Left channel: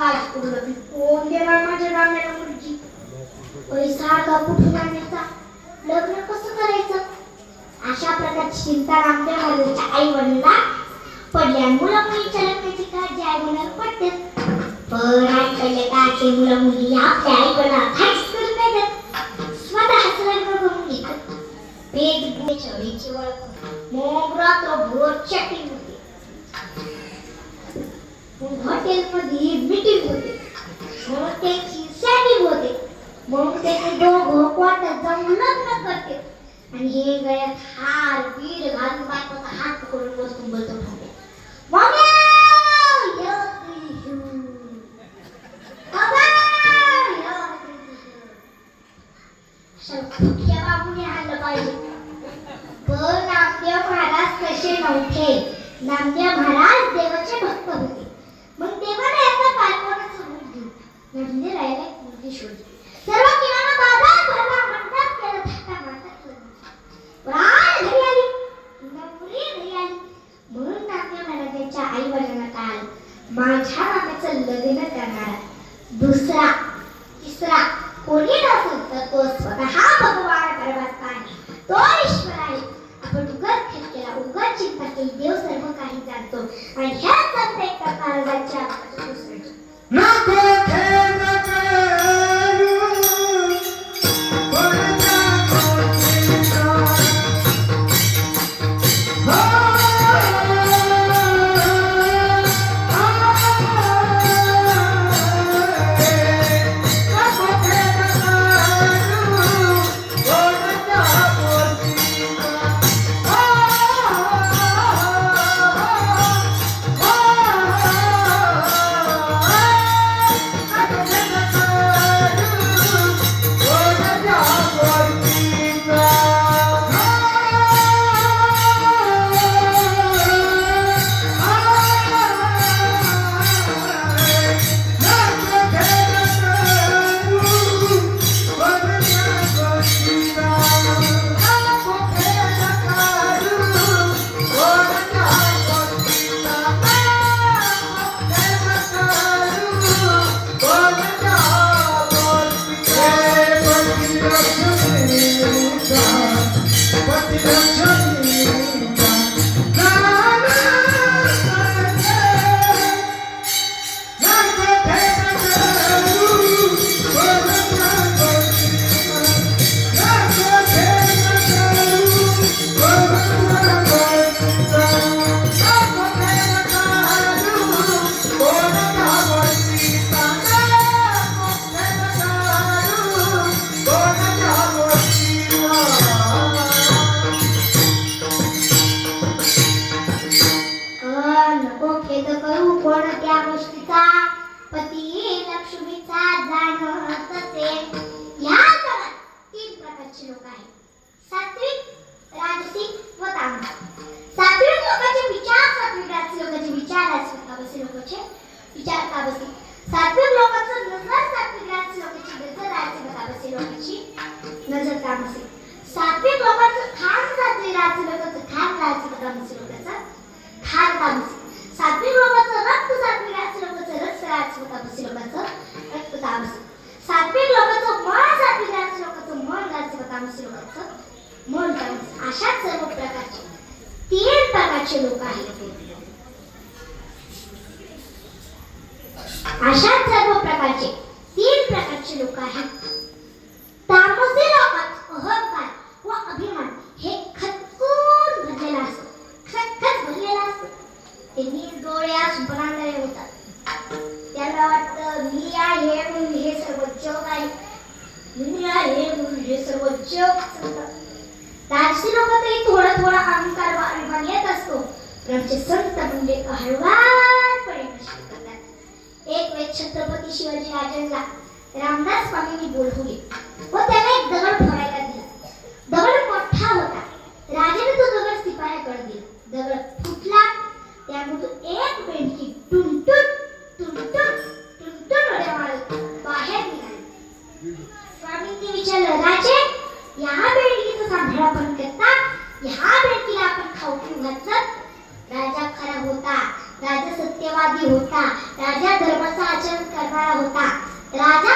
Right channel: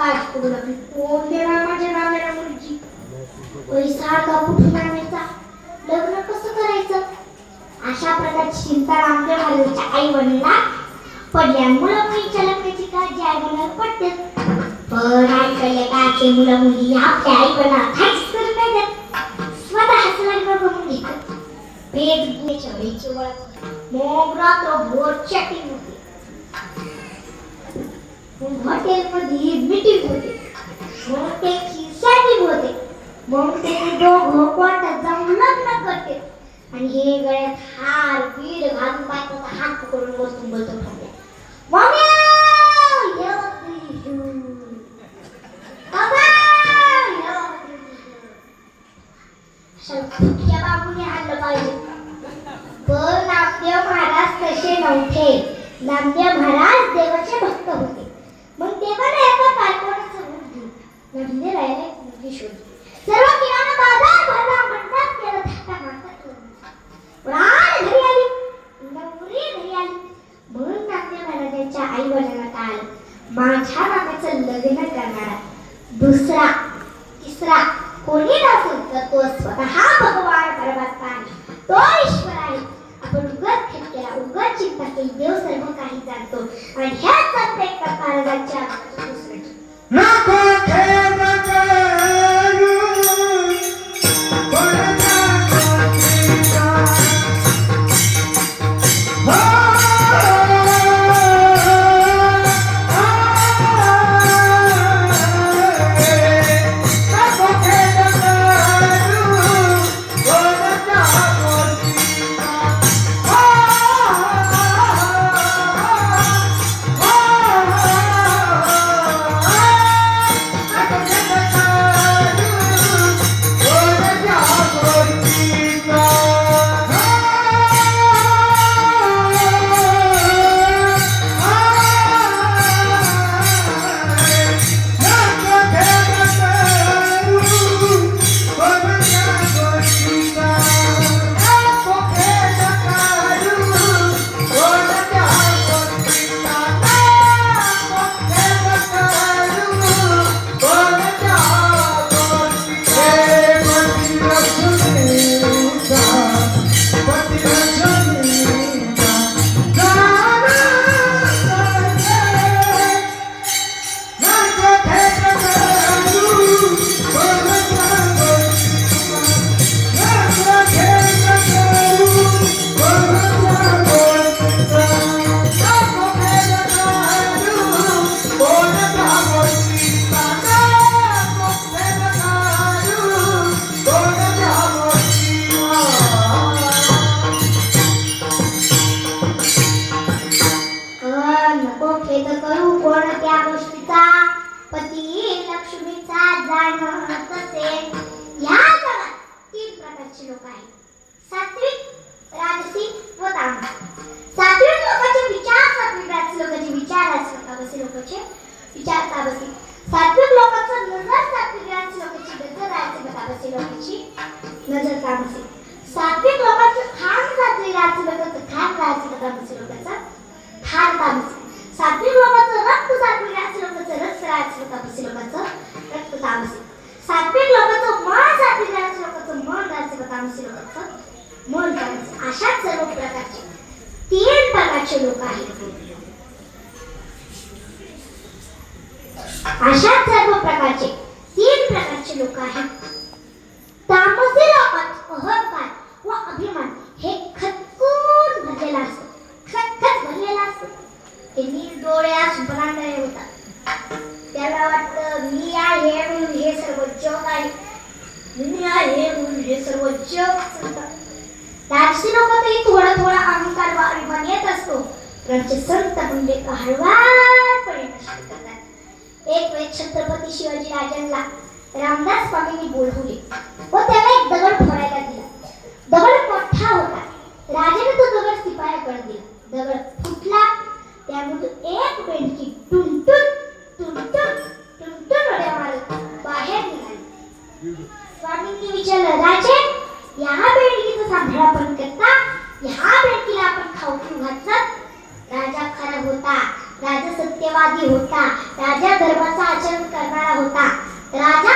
काळजी करू लागली कोण देणार माझ्या नाम्याला मुलगी? पैसा का कुठून आणायचा लग्न कसं करायचं? अशा प्रकारची चिंता रामदेव महाराजांच्या आई वडिलांना पडल्यामुळं मुलीच्या लग्नाची काळजी आई वडिलांना पडते. पण आजकालच्या काळातले मुलं मुली आपल्या आई वडिलांना काहीच करू नाही देत स्वतःच लग्न करून घेतात. पेट चवळीची ओळख मग रात्रभर चॅटिंग होते हॉटेलमध्ये मीटिंग होते. मग त्याची सेटिंग होते. मग ते दोघं कोर्टात जाऊन लग्न करते. आणि हे गळ्यात हार वीर घालून बायकोचा हात पकडून बसून बोलतो. माझ्या नामाचं लग्न करणारा दुसरा तिसरा कोणी नसेल तर तो स्वतः भगवान परमात्मा आहे तो ईश्वर आहे आपण उगत खेळ केला उगाच चिंता केली देव सर्व काही जाणतो. आणि ह्याच प्रत्येक महाराजांच्या दुसऱ्याची राजसी लोकातही थोडा थोडा अहंकार व अभिमान येत असतो. त्यांचे संत म्हणजे हळवारपणे नष्ट करतात. एक वेळ छत्रपती शिवाजी राजांना रामदास स्वामींनी बोलवले व त्याला एक दगड फोडायला दिला. दगड मोठा होता. राजाने तो दगड सिपायाकडे दिला. दगड फुटला. त्यामधून एक बेंडकी टुनटुन टुनटुन टुनटुन उड्या मारत बाहेर निघाली. स्वामींनी विचारलं राजे ह्या बेडकीचं आपण करता. ह्या बेडकीला आपण खाऊ पिऊ घातलं राजा खरा होता. राजा सत्यवादी होता. राजा धर्माचा आचरण करणारा होता. राजा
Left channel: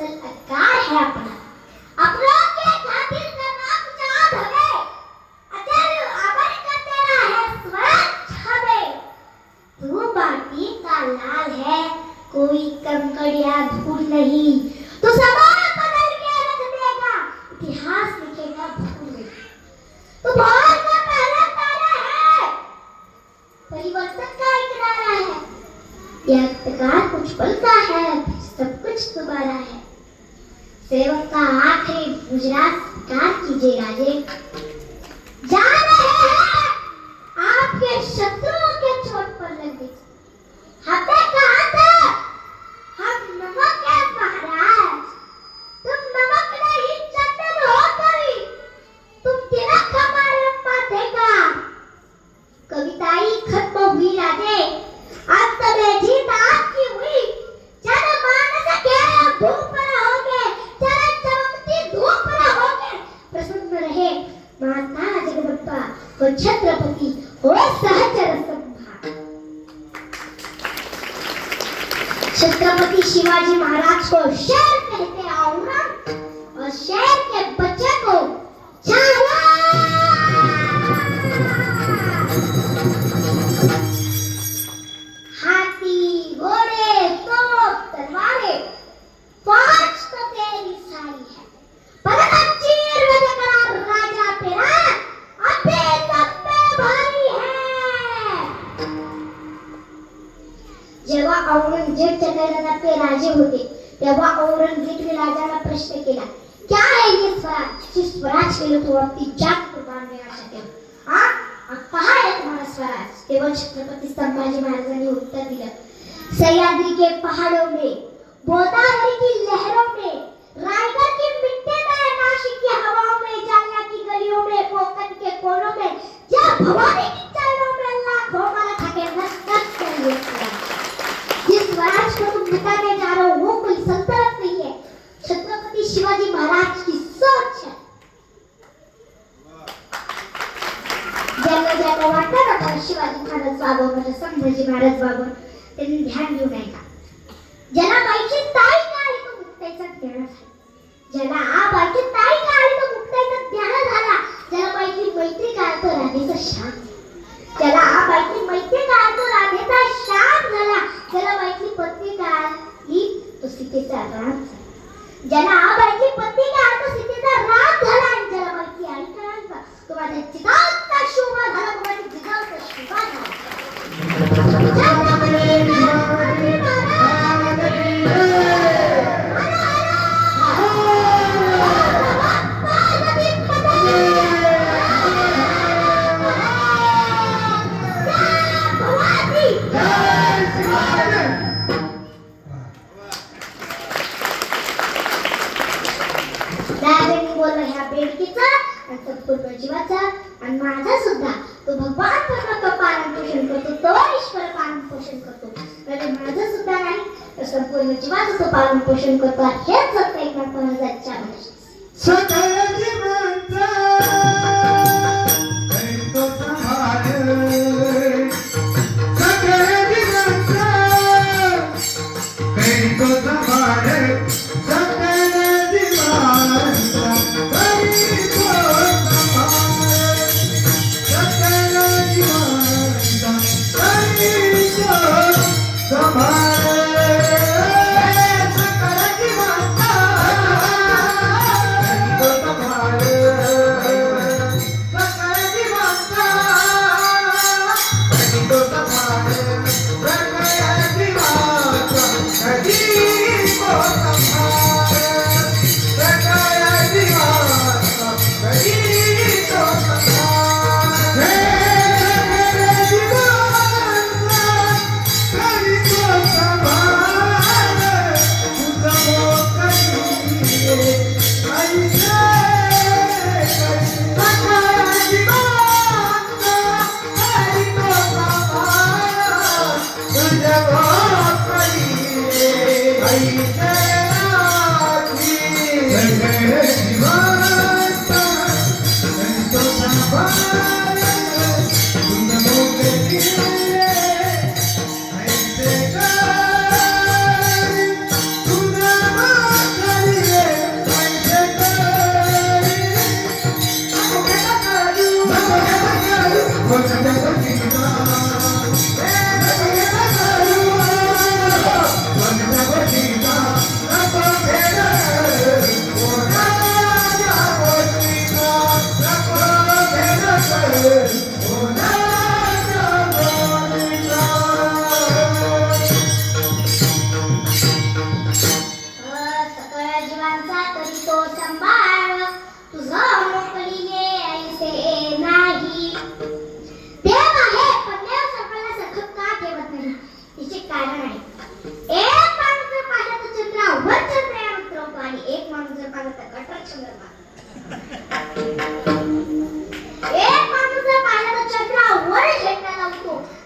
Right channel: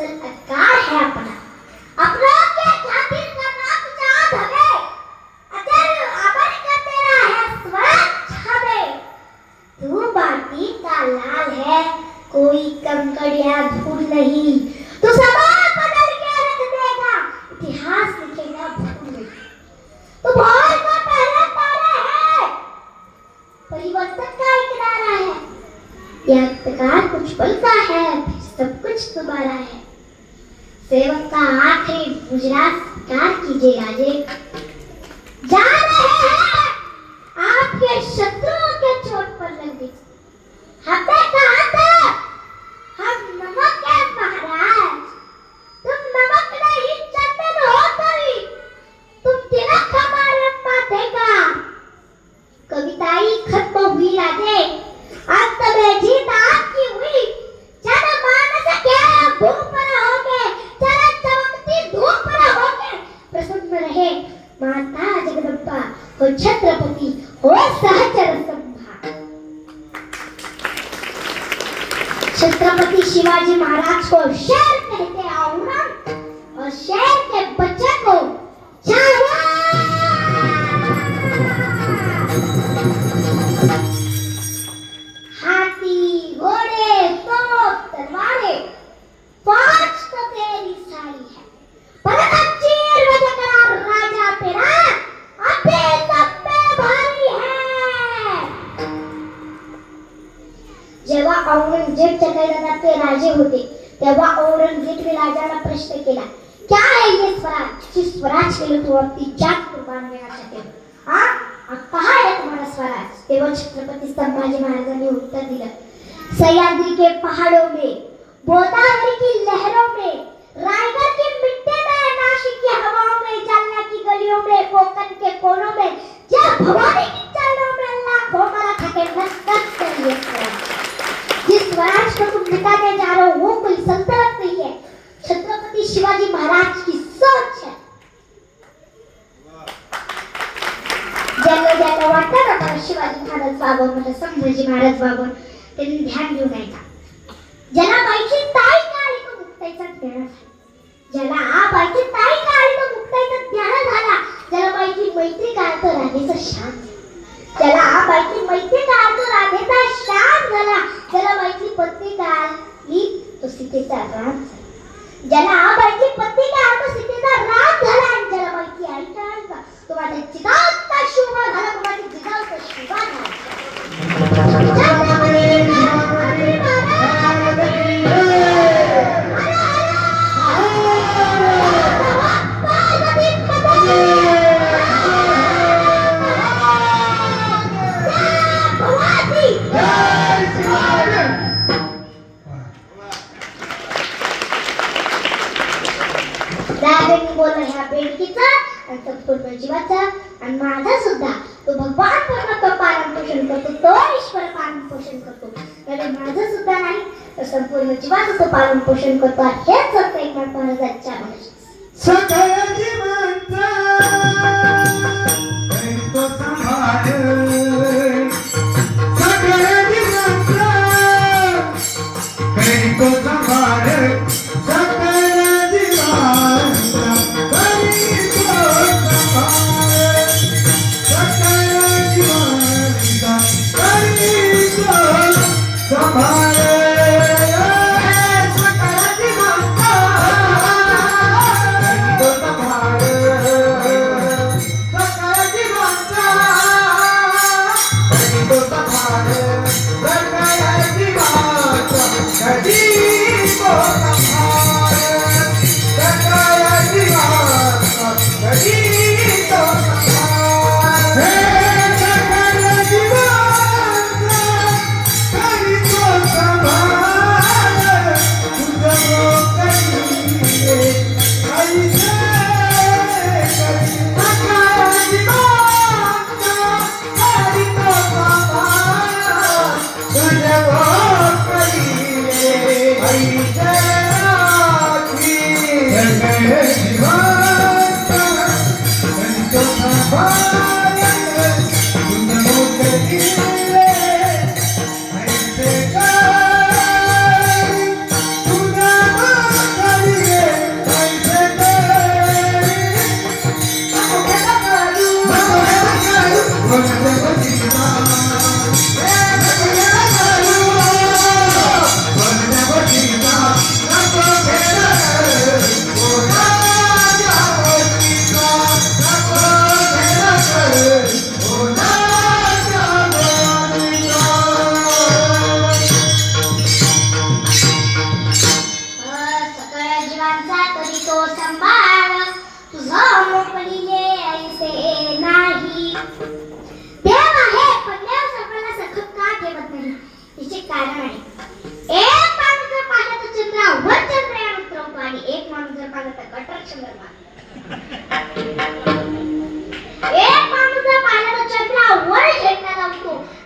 hustle a car happen. Fuerte. दिया। सयादी के पहाड़ों में गोदावरी की लहरों में, रायगढ़ की मिट्टी में नासिक की हवाओं में, जालना की गलियों में, कोकण के कोनों में, जब भवानी नाराज बाबा त्यांनी ध्यान घेऊन यायचा ज्याला बाईची ताई काळी तो मुक्ताईचा ध्यान ज्याला बाईची ताई काळी तो मुक्ताईचा ध्यान झाला. ज्याला बाईची मैत्री काळ तो राधेचा शाम ज्याला बाईची मैत्री काळ तो राधेचा शाम झाला. ज्याला बाईची पत्नी काळ ही तो सीतेचा राम झाला. ज्याला पूर्वजीवाचा आणि माझा सुद्धा. तो भगवान परमात्मा पालन पोषण करतो तो ईश्वर पालन पोषण करतो. म्हणजे माझं सुद्धा नाही तर संपूर्ण जीवाचं तो पालन पोषण करतो. हेच सत्य एक महत्त्वाचा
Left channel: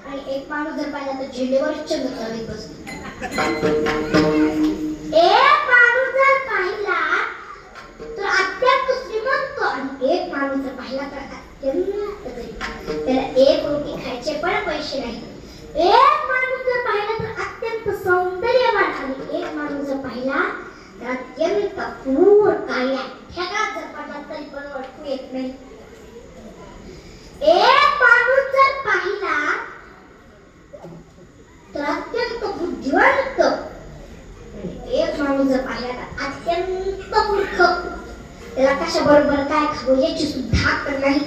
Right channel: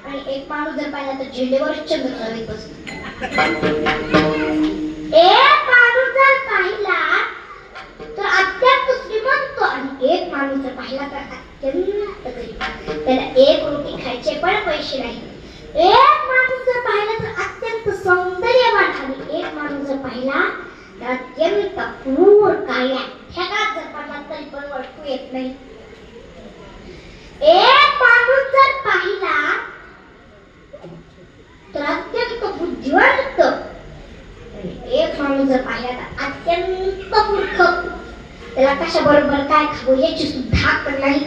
आणि एक माणूस जर पाहिला तर झेंडेवर चंद्र चालत बसतो एक माणूस जर पाहिला तर अत्यंत श्रीमंत आणि एक माणूस जर पाहिला तर अत्यंत गरीब त्याला एक रोटी खायचे पण पैसे नाही एक माणूस जर पाहिला तर अत्यंत सौंदर्यवान आणि एक माणूस जर पाहिला तर अत्यंत क्रूर काळ्या ठेकात जर पडला तरी पण ओळखू येत नाही एक माणूस जर पाहिला तर अत्यंत बुद्धिवंत. एक माणूस जर पाहिला तर अत्यंत मूर्ख. त्याला कशा बरोबर काय खावं याची सुद्धा अक्कल नाही.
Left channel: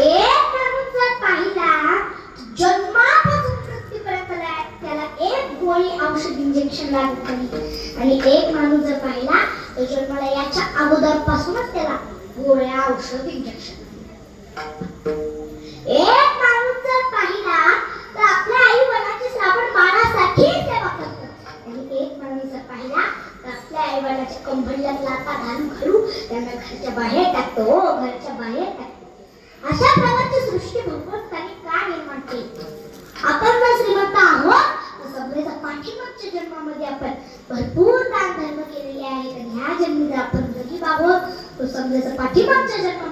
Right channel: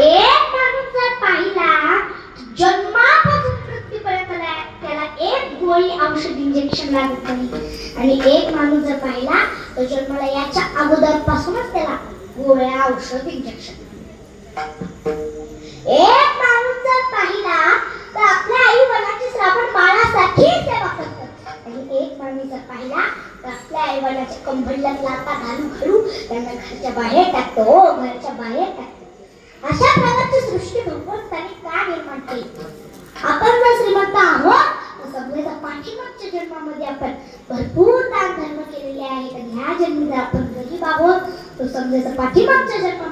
एक माणूस जर पाहिला जन्मापासून मृत्यूपर्यंत त्याला- एक गोळी औषध इंजेक्शन लागत नाही. आणि एक माणूस जर पाहिला तर जन्माला याच्या अगोदरपासूनच त्याला गोळ्या औषध इंजेक्शन कंबरल्यात लाता घालून घालू त्यांना घरच्या बाहेर टाकतो हो, घरच्या बाहेर टाकतो. अशा प्रकारची सृष्टी भगवंताने का निर्माण केली? आपण जर श्रीमंत आहोत तर सगळ्याचा पाठीमागच्या जन्मामध्ये आपण भरपूर दान धर्म केलेले आहेत आणि ह्या जन्मी जर आपण गरीब आहोत तर समजायचं पाठीमागच्या जन्मामध्ये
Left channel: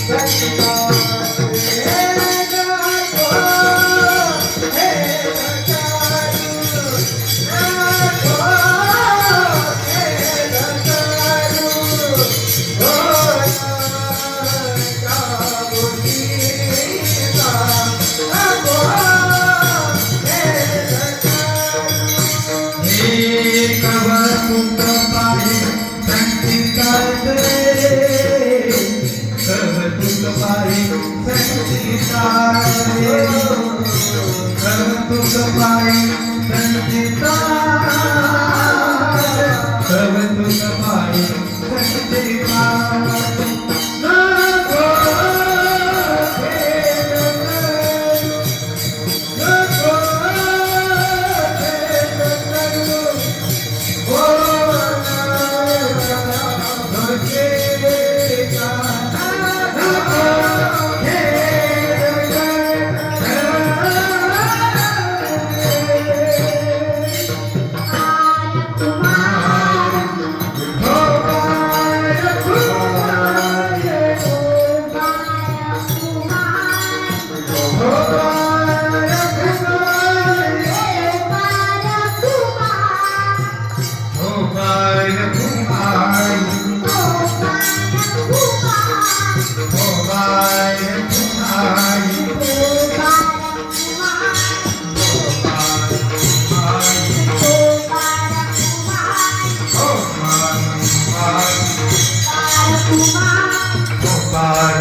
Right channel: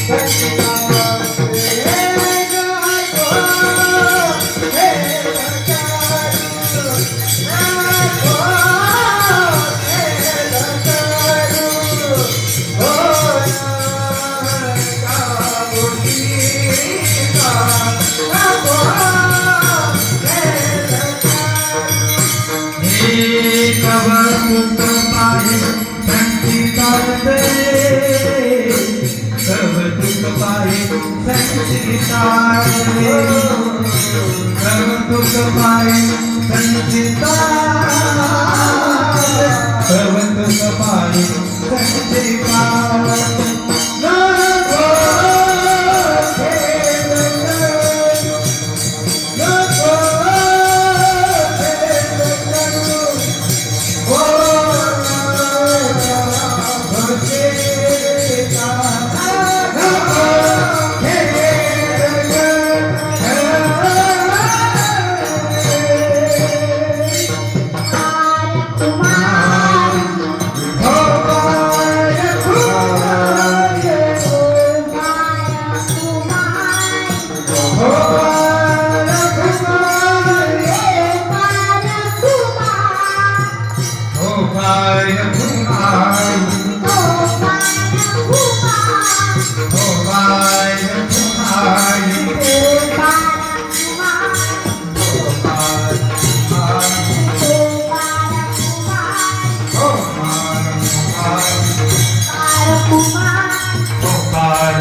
Somebody, then you